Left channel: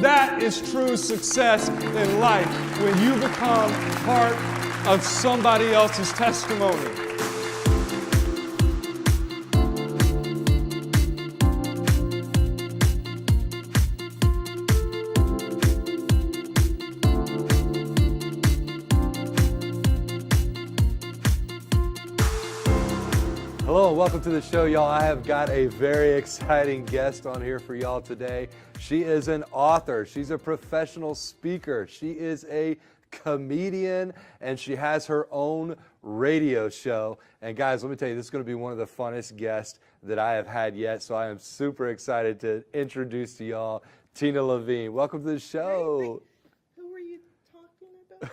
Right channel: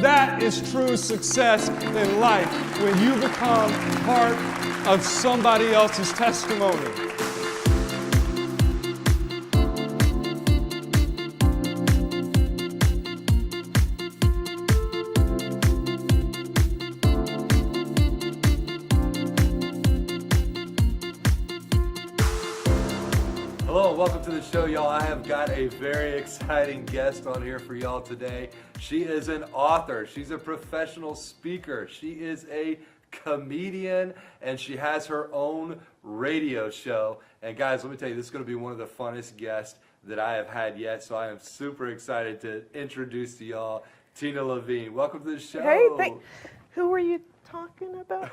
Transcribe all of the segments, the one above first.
That is true success in life, when you become part of somebody else's testimony. Welcome to the show, y'all. I have got a very exciting guest on here for y'all today. She is an author. She's a professional speaker. She is a comedian, and she has her own radio show. And guys, let me tell you, this is going to be one of the funnest guests that I have had yet. So I am super excited to introduce to y'all Tina Levene. Welcome to the show. Hey, who were you talking about?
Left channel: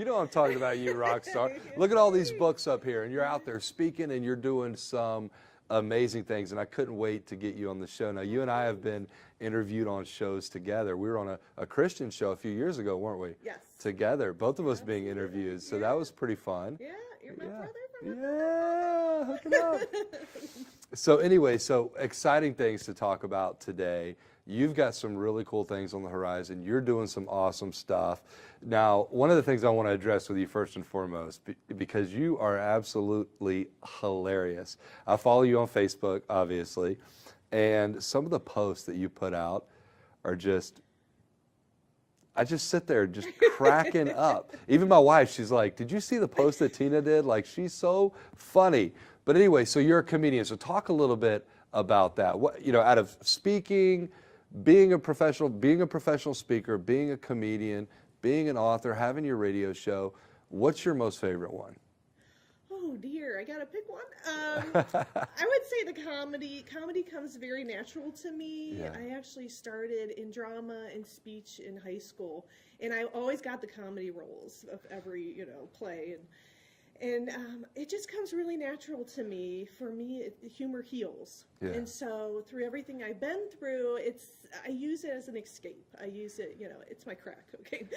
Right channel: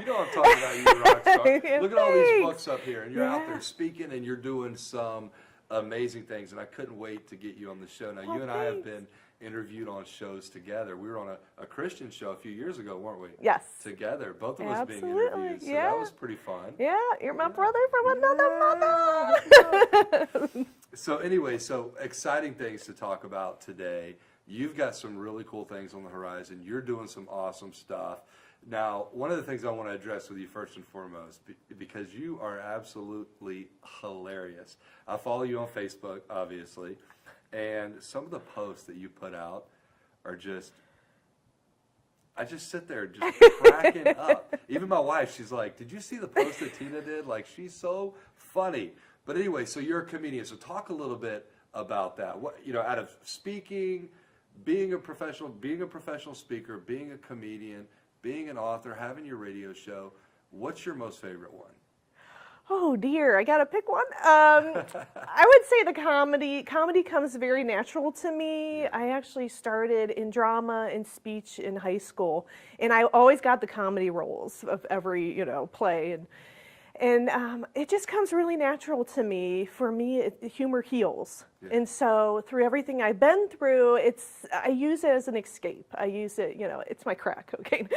You know what I'm talking about, you rock star. Look at all these Thanks. books up here, and you're out there speaking, and you're doing some amazing things, and I couldn't wait to get you on the show. Now, you and I have been interviewed on shows together. We were on a Christian show a few years ago, weren't we? Yes. Together, both of us being Absolutely, interviewed, so yeah. that was pretty fun. Yeah, you're my brother from another mother. So anyway, so exciting things to talk about today. You've got some really cool things on the horizon. You're doing some awesome stuff. Now, one of the things I want to address with you first and foremost, because you are absolutely hilarious. I follow you on Facebook, obviously, and some of the posts that you put out are just, I just sit there just cracking up. Even my wife, she's like, did you see the post that Tina did? Like, she's so funny. But anyway, so you're a comedian, so talk a little bit about that. What, you know, out of speaking, being a professional speaker, being a comedian, being an author, having your radio show, what's your most favorite one? Oh dear, I gotta pick one. I would say the comedy. Comedy comes very natural to me. Yeah. I actually started in drama and speech in high school, and I always got the comedy roles of every play, and it just comes really natural to me. For me, humor heals. Yeah. And so through everything I've been through, I use it as an escape. I use it, it's my crack cocaine.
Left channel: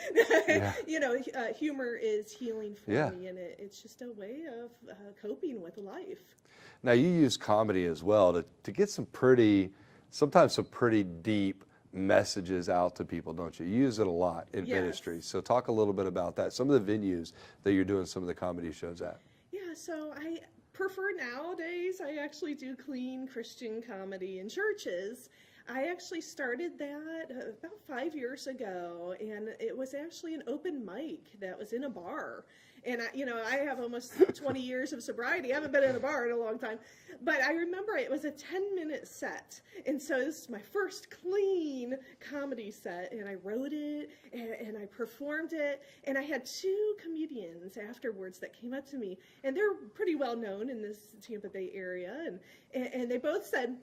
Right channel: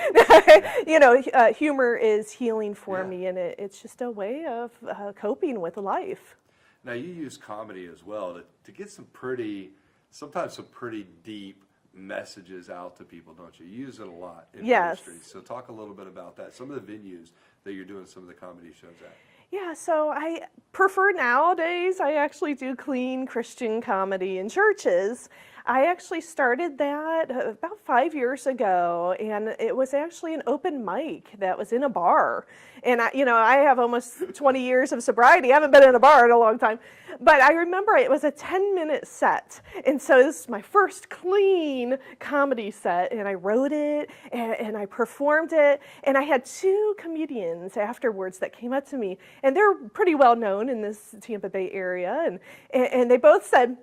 Yeah. Humor is healing for Yeah. me, and it's just a way of coping with life. Now, you use comedy as well to get sometimes some pretty deep messages out to people, don't you? You use it a lot in ministry. So talk a little bit about that. Some of the venues that you're doing some of the comedy shows at. Yeah, so I prefer nowadays, I actually do clean Christian comedy in churches. I actually started that about 5 years ago, and it was actually an open mic that was in a bar. And I have almost 20 years of sobriety. I haven't been in a bar in a long time. But I remember it was a 10-minute set. And so this is my first clean comedy set, and I wrote it, and I performed it. And I had two comedians afterwards that came up to me, and they're pretty well known in this Tampa Bay area. And they both said,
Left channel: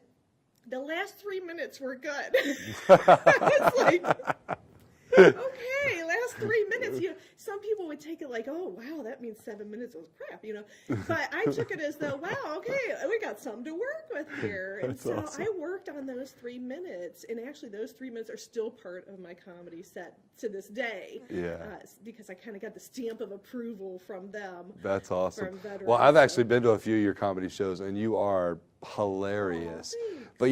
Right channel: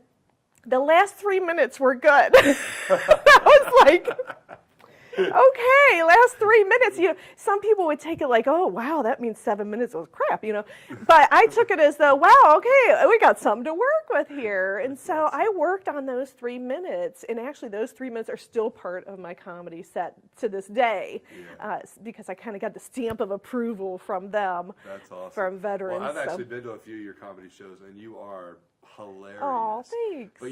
the last 3 minutes were good. I was like, okay, last 3 minutes. Some people would take it like, oh, wow, that means 7 minutes was crap, But I took it as though, wow, okay, we got something to work with here. And so awesome. I worked on those 3 minutes, and actually those 3 minutes are still part of my comedy set to this day. Yeah. Because I kind of got the stamp of approval from them. That's awesome. From veterans. Well, I've actually been to a few of your comedy shows, and you are hilarious. Oh, thanks. But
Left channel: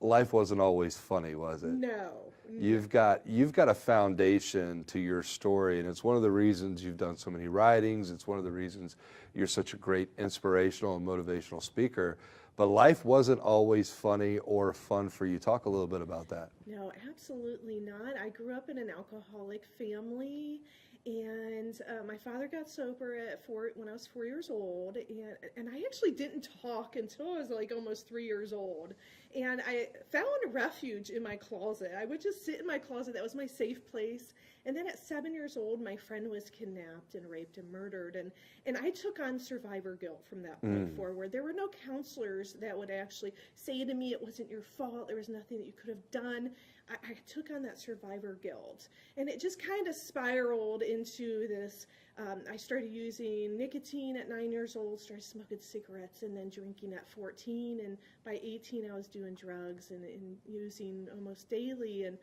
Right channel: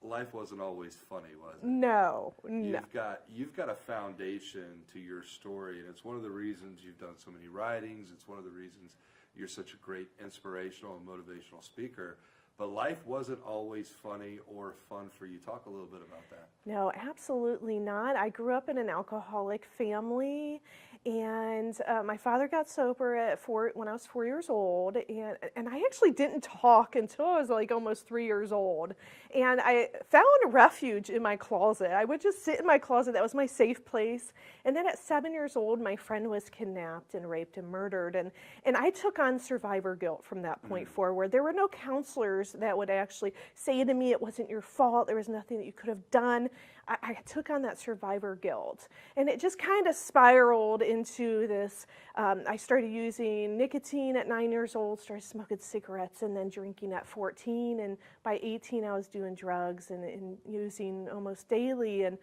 life wasn't always funny, was it? No. You've got a foundation to your story, and it's one of the reasons you've done so many writings. It's one of the reasons you're such a great inspirational and motivational speaker. But life wasn't always funny or fun for you. Talk a little bit about that. No, absolutely not. I grew up in an alcoholic family, and my father got sober when I was 4 years old, and I actually didn't talk until I was like almost 3 years old. And I found refuge in my closet. I would just sit in my closet. That was my safe place. And then at 7 years old, my friend was kidnapped and raped and murdered. And I took on survivor guilt from that point forward. There were no counselors that would actually say to me, it wasn't your fault. There was nothing that you could have done. I took on that survivor guilt. And it just kind of spiraled into this. I started using nicotine at 9 years old, started smoking cigarettes, and then drinking at 14. And by 18, I was doing drugs and using almost daily. And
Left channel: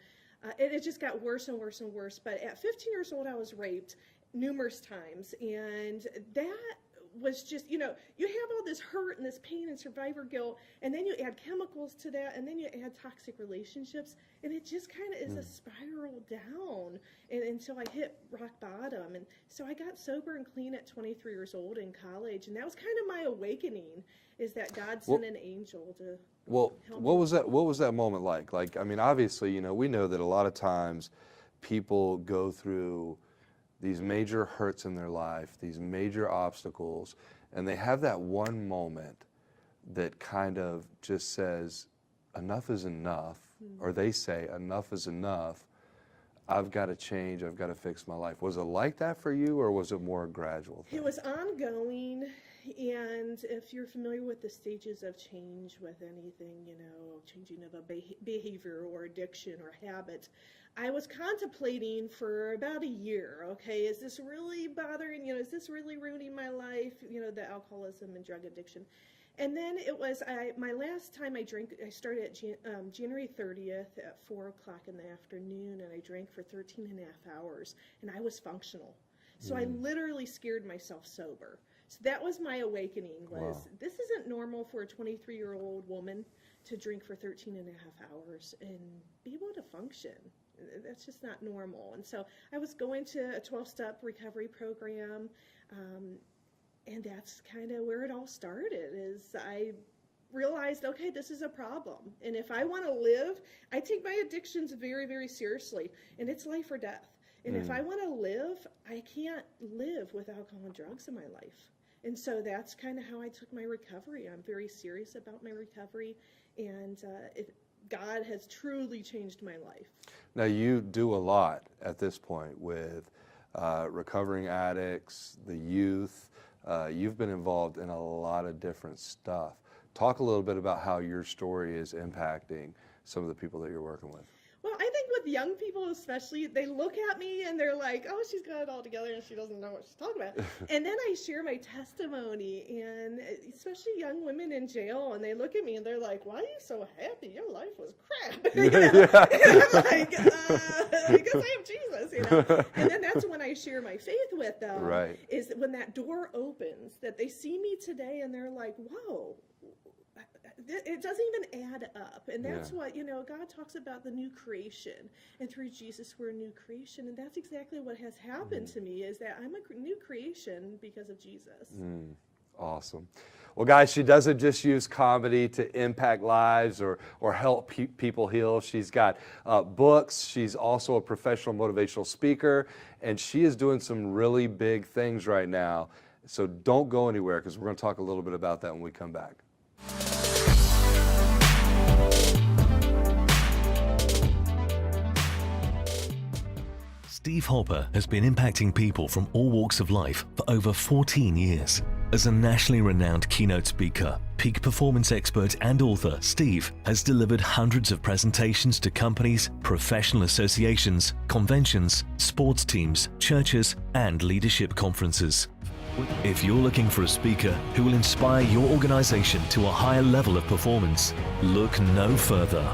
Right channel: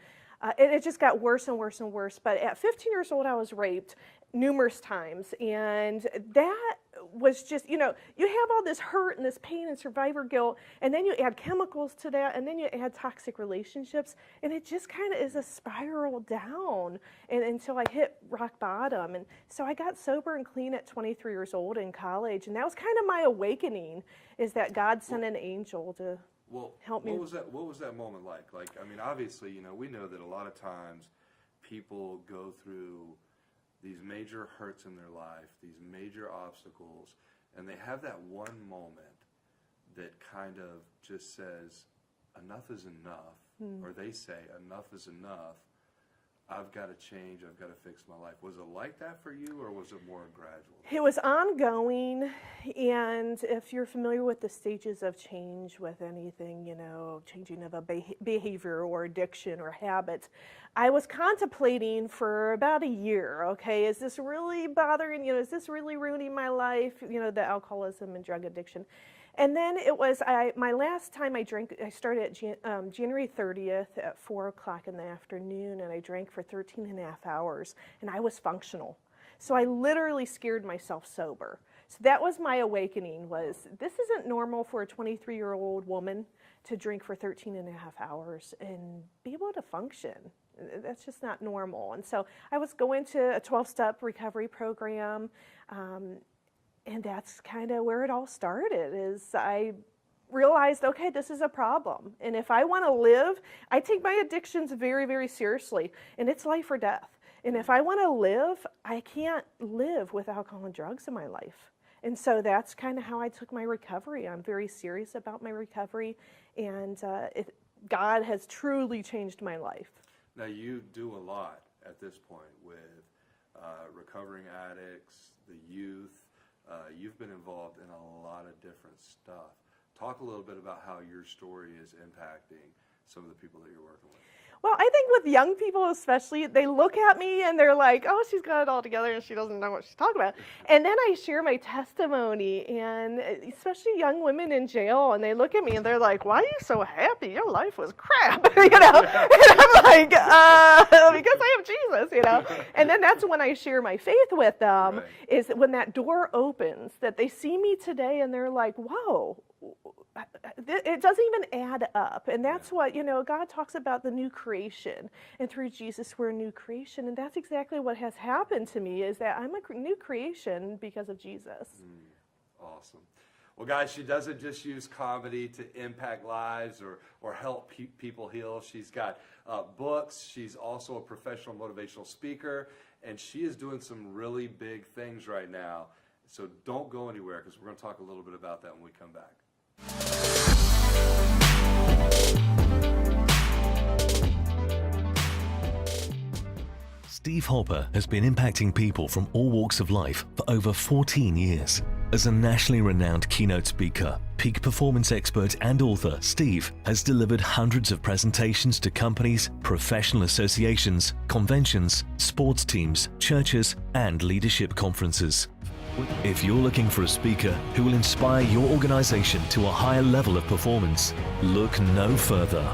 it just got worse and worse and worse. But at 15 years old, I was raped numerous times. And that was just, you have all this hurt and this pain and survivor guilt, and then you add chemicals to that, and then you add toxic relationships, and it just kind of is a spiral down until I hit rock bottom. And so I got sober and clean at 23 years old in college, and that was kind of my awakening, is that God sent an angel to help me. What was that moment like? Like, I mean, obviously, we know that a lot of times people go through these major hurts in their life, these major obstacles, and they have that one moment that kind of just says, enough is enough, or they say, enough is enough, I've got to change, I've got to fix my life. Was it like that for you, or was it more gradual? It was ongoing, and if you're familiar with the stages of change with anything, changing of a behavior or addiction or habit, I was contemplating for about a year, okay, is this really bothering, is this really ruining my life, the alcoholism and drug addiction. And then it was, my last time I drank, I started at January 30th at 4 o'clock in the afternoon, and I drank for 13 and a half hours, and I was functional. So I literally scared myself sober. So that was my awakening, was this isn't normal for a 23-year-old woman to drink for 13 and a half hours and be able to function. That's just not normal. And so I was going to a 12-step recovery program, and that's kind of where it all started, is I realized, okay, this is a problem. And if I want to live, I take my addictions very, very seriously, and it's life or death. And if I want to live, I can't live with alcohol and drugs in my life. And so that's kind of how I took my recovery. I'm very serious about my recovery, and God has truly changed my life. Now, you do a lot at this point with recovering addicts, the youth. You've been involved in a lot of different stuff. Talk a little bit about how your story is impacting some of the people that you're working with. Well, I think with young people especially, they look at me and they're like, oh, she's got it all together and she doesn't know what she's talking about. And then I share my testimony, and especially young women in jail, and they look at me and they're like, why are you so happy? Your life was crap, And I'm like, because I have Jesus, And then that's when I share my faith with them, is when that door opens, that they see me today and they're like, whoa, it doesn't even add up. And that's what, God talks about the new creation. And through Jesus, we're a new creation. And that's exactly what has happened to me, is that I'm a new creation because of Jesus. Awesome. Well, guys, she doesn't just use comedy to impact lives or help people heal. She's got books. She's also a professional motivational speaker. And she is doing some really big things right now. So don't go anywhere, because we're going to talk a little bit about that when we come back. Steve Hopper has been impacting people from all walks of life for over 14 years. As a nationally renowned keynote speaker, peak performance expert and author, Steve has delivered hundreds of presentations to companies, professional associations, conventions, sports teams, churches, and leadership conferences. If you're looking for a speaker who will inspire your organization to a higher level of performance, look no further.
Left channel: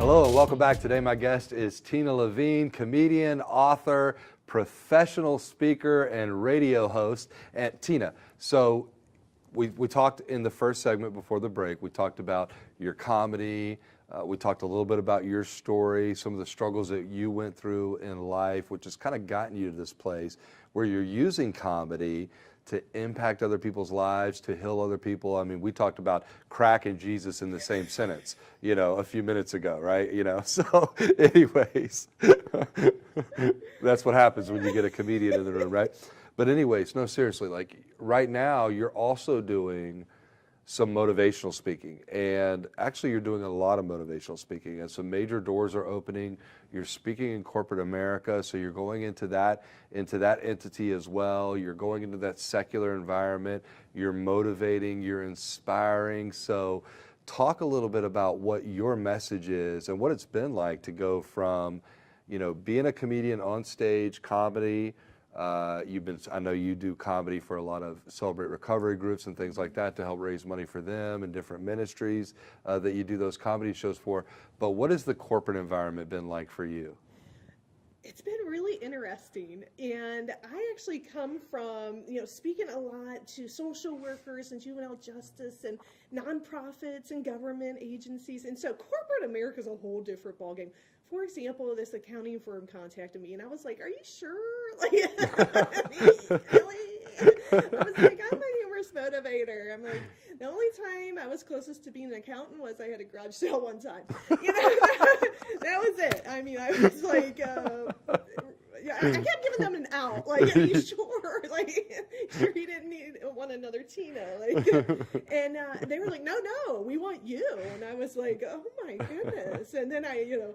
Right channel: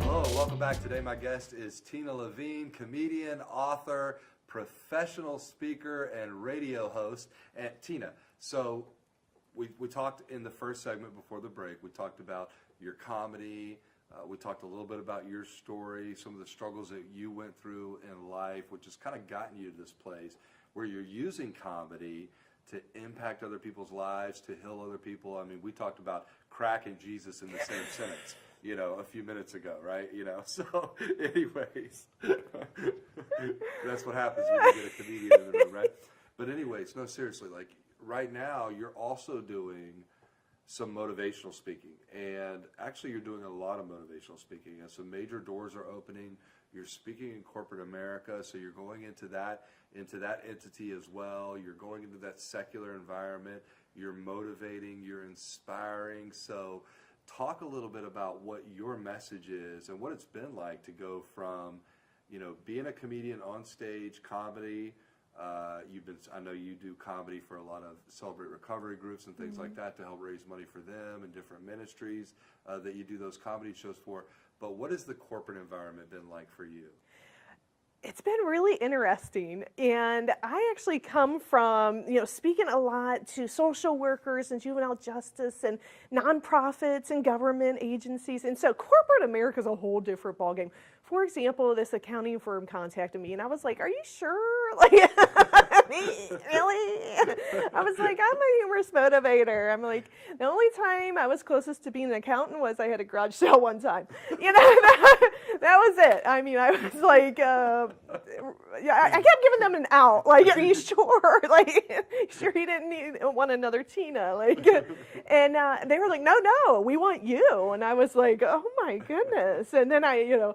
Hello and welcome back. Today my guest is Tina Levene, comedian, author, professional speaker, and radio host. And Tina, so we talked in the first segment before the break, we talked about your comedy, we talked a little bit about your story, some of the struggles that you went through in life, which has kind of gotten you to this place where you're using comedy to impact other people's lives, to heal other people. I mean, we talked about crack and Jesus in the same sentence, a few minutes ago, right? So anyways, that's what happens when you get a comedian in the room, right? But anyways, no, seriously, like right now, you're also doing some motivational speaking, and actually you're doing a lot of motivational speaking, and some major doors are opening. You're speaking in corporate America, so you're going into that entity as well. You're going into that secular environment. You're motivating, you're inspiring. So talk a little bit about what your message is and what it's been like to go from, being a comedian on stage, comedy. I know you do comedy for a lot of Celebrate Recovery groups and things like that to help raise money for them and different ministries that you do those comedy shows for. But what has the corporate environment been like for you? It's been really interesting, and I actually come from, speaking a lot to social workers and juvenile justice and nonprofits and government agencies, and so corporate America is a whole different ballgame. For example, this accounting firm contacted me, and I was like, "Are you sure? Like, really?" I was like, "I'm a humorous motivator." I'm like, the only time I was closest to being an accountant was I had a garage sale one time. That was it. I mean, I was like, I kept giving them an out. Like, "Are you sure? Like, sure you didn't want another Tina?" Like, and they were like, "No, we want you." And I was like, "Oh my goodness!" And then I,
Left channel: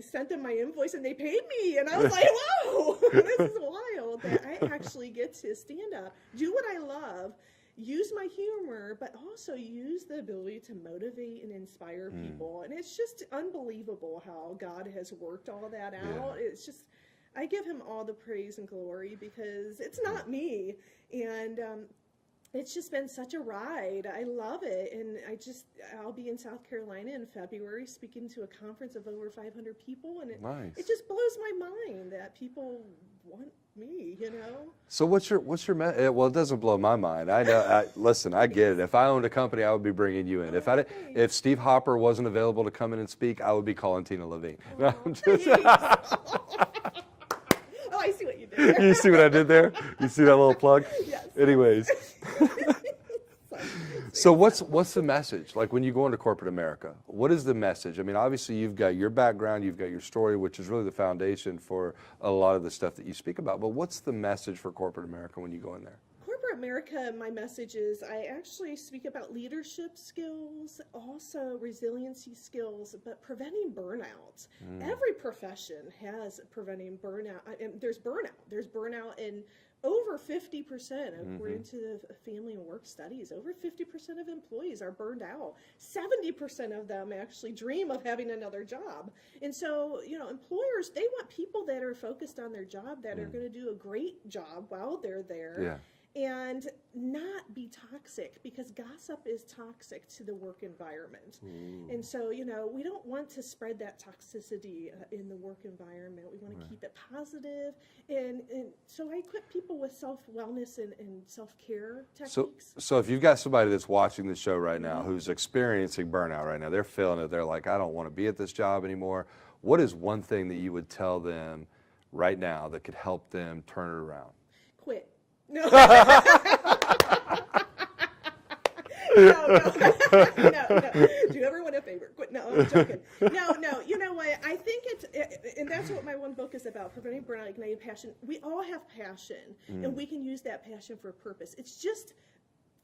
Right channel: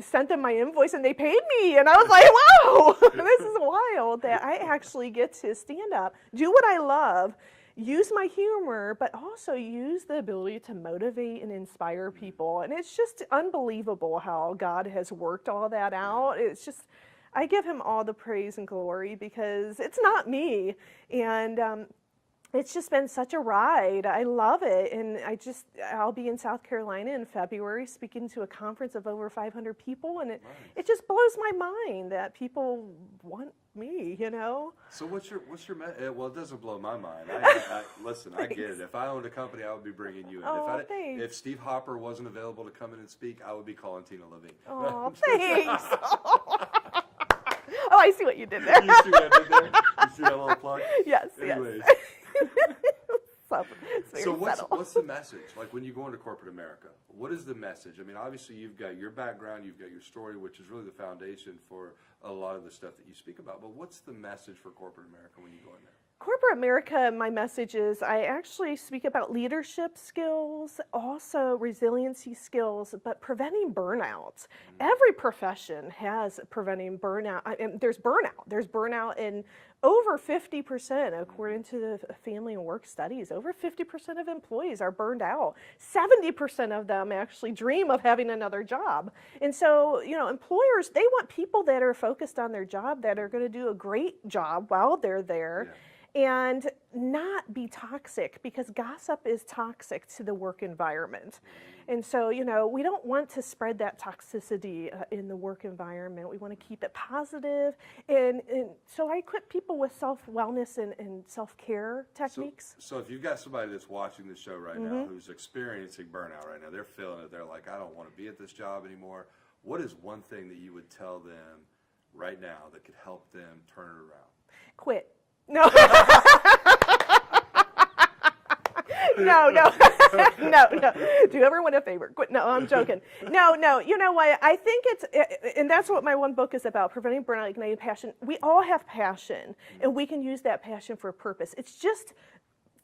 sent them my invoice and they paid me, and I was like, "Wow, this is wild that I actually get to stand up, do what I love, use my humor, but also use the ability to motivate and inspire people." And it's just unbelievable how God has worked all that out. It's just, I give him all the praise and glory because it's not me. And it's just been such a ride. I love it. And I'll be in South Carolina in February speaking to a conference of over 500 people. And it just blows my mind that people want me, So what's your well, it doesn't blow my mind. I know. Listen, I get it. If I owned a company, I would be bringing you in. Oh, If Steve Hopper wasn't available to come in and speak, I would be calling Tina Levene. Oh, thanks. Oh, I see what you did there. You see what I did there? You see that little plug? Yes. Anyways. So what's the message? Like when you go into corporate America, what is the message? I mean, obviously you've got your background, you've got your story, which is really the foundation for a lot of the stuff that you speak about. But what's the message for corporate America when you go in there? Corporate America, my message is I actually speak about leadership skills, also resiliency skills, but preventing burnout. Every profession has preventing burnout. There's burnout. There's burnout in over 50%, according to the Family and Work Studies. Over 50% of employees are burned out. 70% of them actually dream of having another job. And so, employers, they want people that are focused on their job, that are going to do a great job while they're there. Yeah. And not be toxic, because gossip is toxic to the work environment. And so, we don't want to spread that toxicity in the work environment. We want to keep it positive. And so I equip people with self-wellness and self-care techniques. So if you've got somebody that's watching the show right now who's experiencing burnout right now, they're feeling it, they're like, "I don't want to be at this job anymore." What is one thing that you would tell them right now that could help them turn it around? Quit. No. No. Do everyone a favor. Quit. No, I'm joking. No. You know what? I think and that's what my one book is about, preventing burnout, igniting passion. We all have passion, and we can use that passion for a purpose. It's just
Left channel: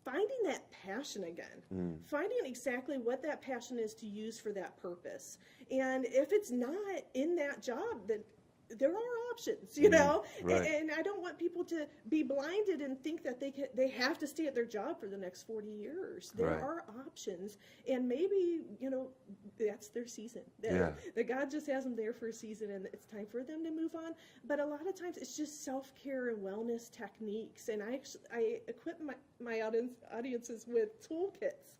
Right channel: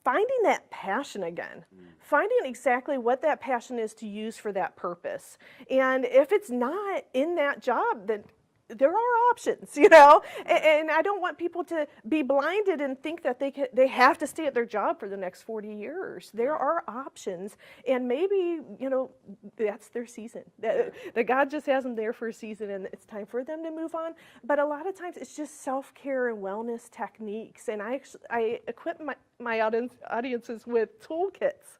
finding that passion again, finding exactly what that passion is to use for that purpose. And if it's not in that job, then there are options, Right. And I don't want people to be blinded and think that they have to stay at their job for the next 40 years. There are options, and maybe, that's their season. That God just has them there for a season, and it's time for them to move on. But a lot of times it's just self-care and wellness techniques, and I equip my audiences with toolkits.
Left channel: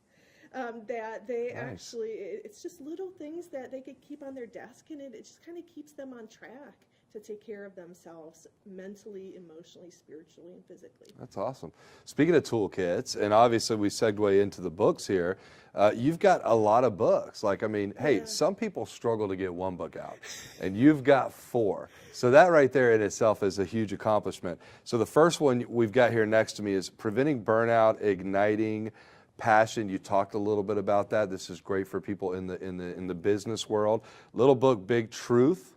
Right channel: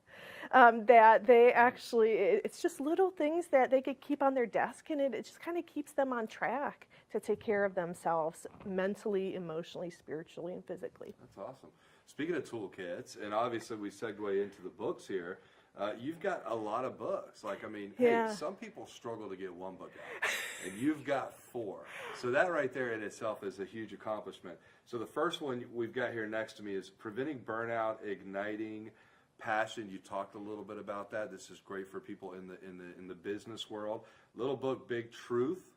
That they actually, it's just little things that they could keep on their desk, and it just kind of keeps them on track to take care of themselves mentally, emotionally, spiritually, and physically. That's awesome. Speaking of toolkits, and obviously we segue into the books here, you've got a lot of books. Hey, some people struggle to get one book out, and you've got 4. So that right there in itself is a huge accomplishment. So the first one we've got here next to me is Preventing Burnout, Igniting Passion. You talked a little bit about that. This is great for people in the business world. Little book, Big Truth.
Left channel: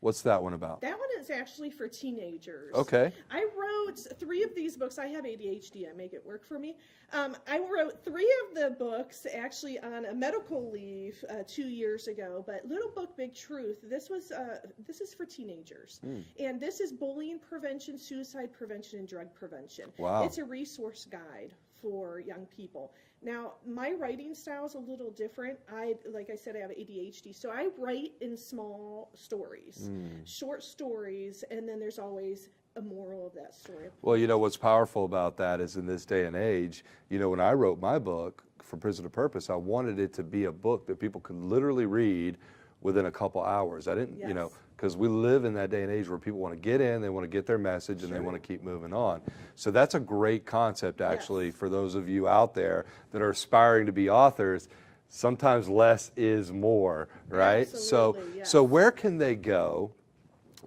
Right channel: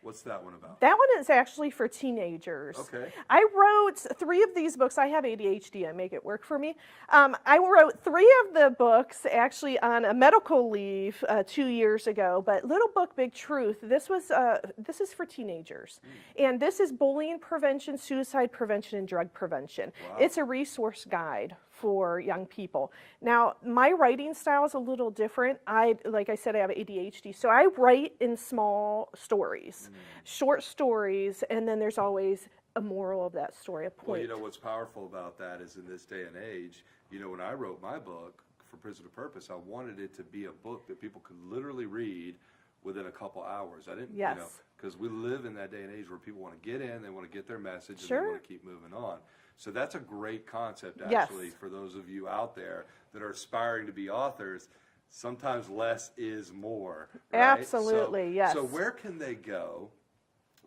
What's that one about? That one is actually for teenagers. Okay. I wrote 3 of these books. I have ADHD. I make it work for me. I wrote 3 of the books actually on a medical leave 2 years ago. But Little Book, Big Truth. This is for teenagers, and this is bullying prevention, suicide prevention, and drug prevention. Wow. It's a resource guide for young people. Now, my writing style is a little different. Like I said, I have ADHD, so I write in small stories, short stories, and then there's always a moral of that story. Well, you know, what's powerful about that is in this day and age, you know, when I wrote my book, For Prison to Purpose, I wanted it to be a book that people could literally read within a couple hours. I didn't, you know, because we live in that day and age where people want to get in, they want to get their message, and they want to keep moving on. So that's a great concept, actually, for those of you out there that are aspiring to be authors. Sometimes less is more, right? Absolutely, yes. So where can they go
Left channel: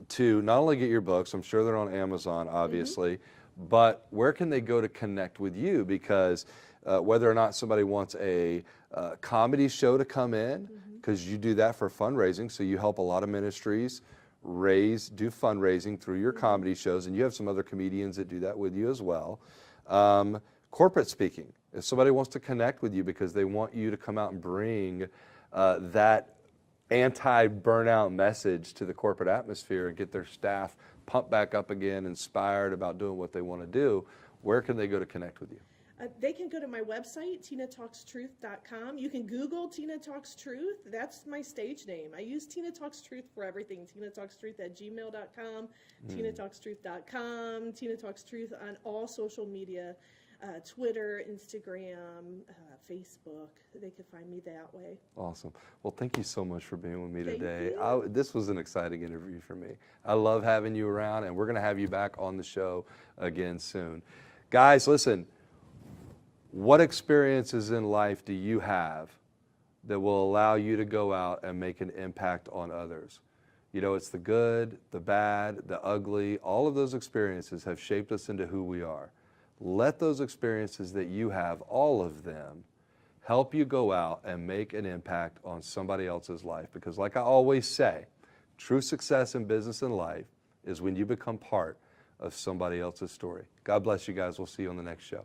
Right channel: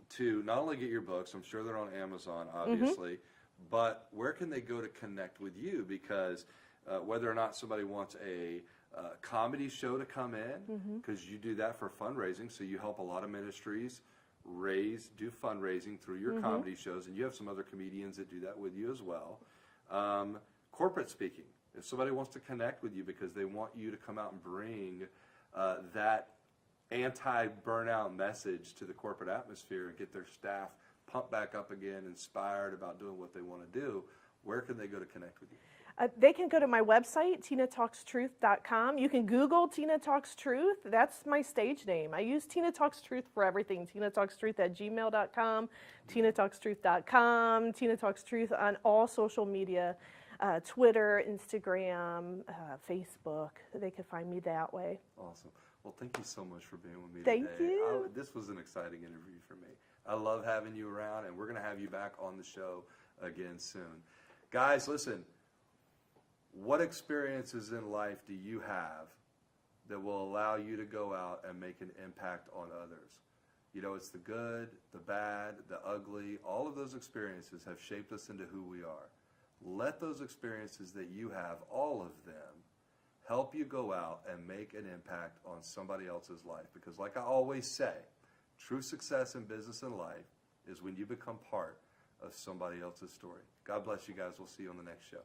to not only get your books? I'm sure they're on Amazon, obviously, but where can they go to connect with you? Because whether or not somebody wants a comedy show to come in, because you do that for fundraising, so you help a lot of ministries do fundraising through your comedy shows, and you have some other comedians that do that with you as well. Corporate speaking, if somebody wants to connect with you because they want you to come out and bring that anti-burnout message to the corporate atmosphere and get their staff pumped back up again, inspired about doing what they want to do, where can they go to connect with you? They can go to my website, tinatalkstruth.com. You can Google Tina Talks Truth. That's my stage name. I use Tina Talks Truth for everything. TinaTalksTruth@gmail.com, TinaTalksTruth.com, Tina Talks Truth on all social media, Twitter, Instagram, Facebook. They can find me that way. Awesome. Well, thank you so much for being with me Thank today. you. This was an exciting interview for me. I love having you around, and we're going to have you back on the show again soon. Guys, listen. What experiences in life do you have that will allow you to go out and make an impact on others? You know, it's the good, the bad, the ugly. All of those experiences have shaped us into who we are. Let those experiences that you have, all of them, help you go out and make an impact on somebody else's life. Because like I always say, true success in business and life is when you become part of somebody else's story. God bless you guys. We'll see you on the next show.